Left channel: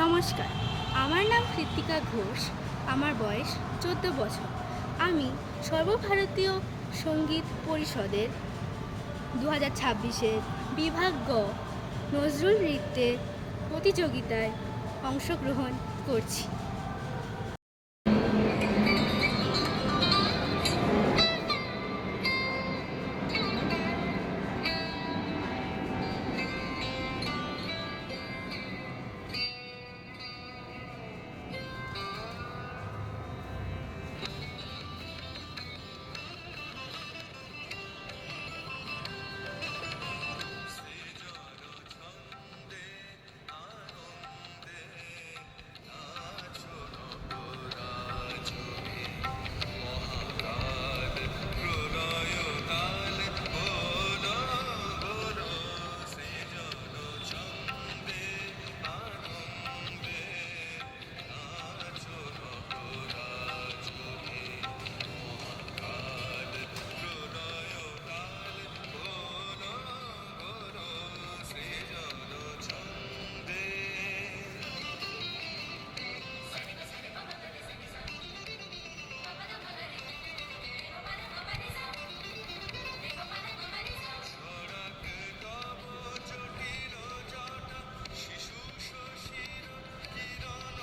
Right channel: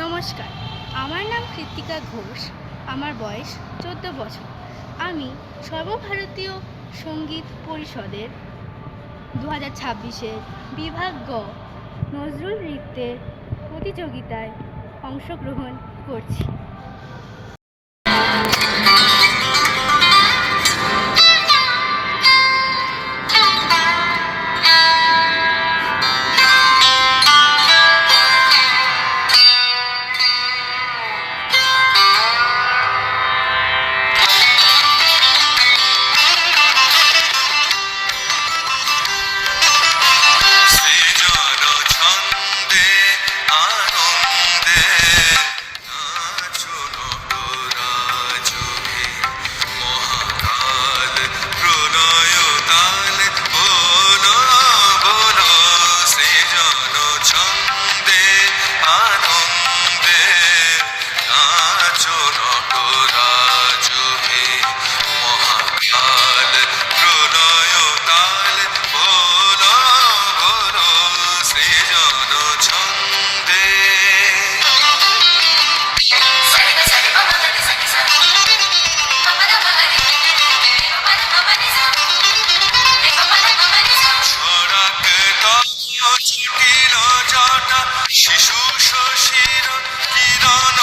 নমস্কার, আমার নাম কৃত্তিকা ঘোষ। আমার বয়স 14 বছর। আমি সর্বভারতীয় সঙ্গীত পরিষদের 2026-এর বিভাগ গ নজরুল নৃত্যের প্রতিযোগিতায় অংশগ্রহণ করছি। সৃজন ছন্দে আনন্দে নাচো নটরাজহে মহাকাল প্রলয় তাল বলো বলো সৃজন ছন্দে আনন্দে নাচো নটরাজহে মহাকাল প্রলয় তাল বলো বলো সৃজন ছন্দে ছড়াক তয় জটিল জটা শিশু শশীর কিরণ